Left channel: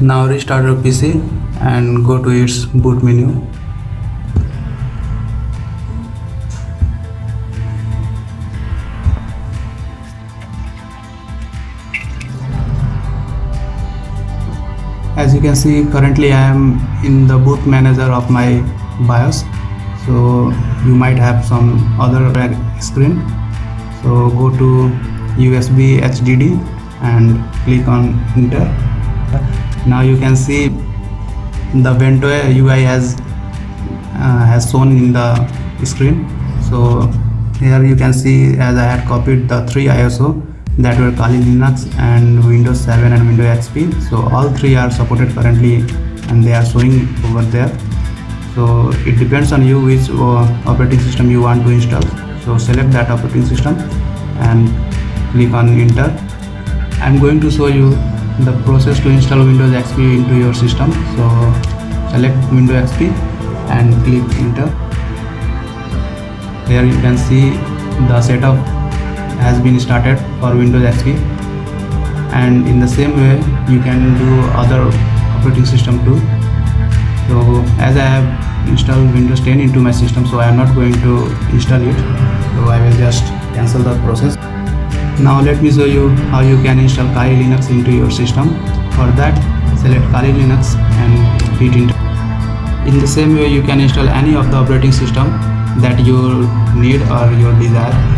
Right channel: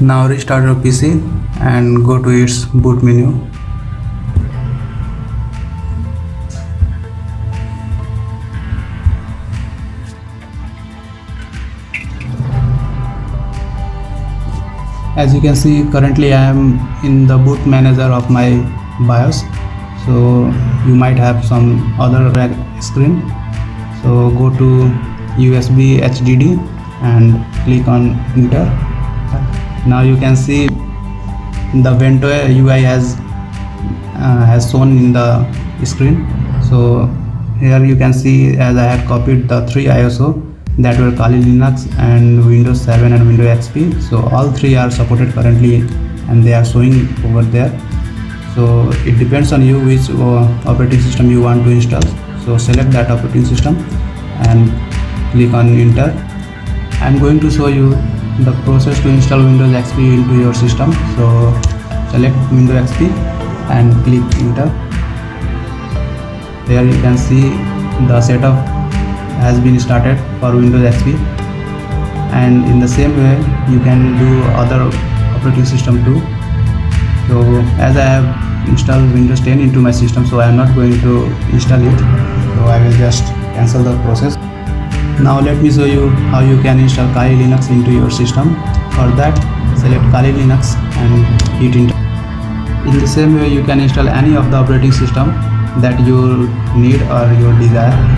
Now restart your PC and go to its boot menu. As you can see, currently I am in the boot manager of my BIOS, so you might have some other screen. So go to USB HDD and click on enter. Now you can see the Vento UI has shown in the screen. So here you can see, as I had copied the 3 ISO that were Kali Linux and Windows 7 and Windows XP. So all 3 are supported currently and they are showing over there. So it depends on you which operating system you want to install. So select that operating system and click on enter. I am going to show you the process to install Windows XP into your system. So select Windows XP and click enter. There you can see the setup has been started for Windows XP, and in the same way you can do other operating system too. So as I have installed Windows 10 into my system, so I am not going to install it, so I will just cancel the process. Now let me show you how you can install Kali Linux into your system. For that, select Kali Linux and hit enter. In the same way you can install any of the operating system that you need or you desire.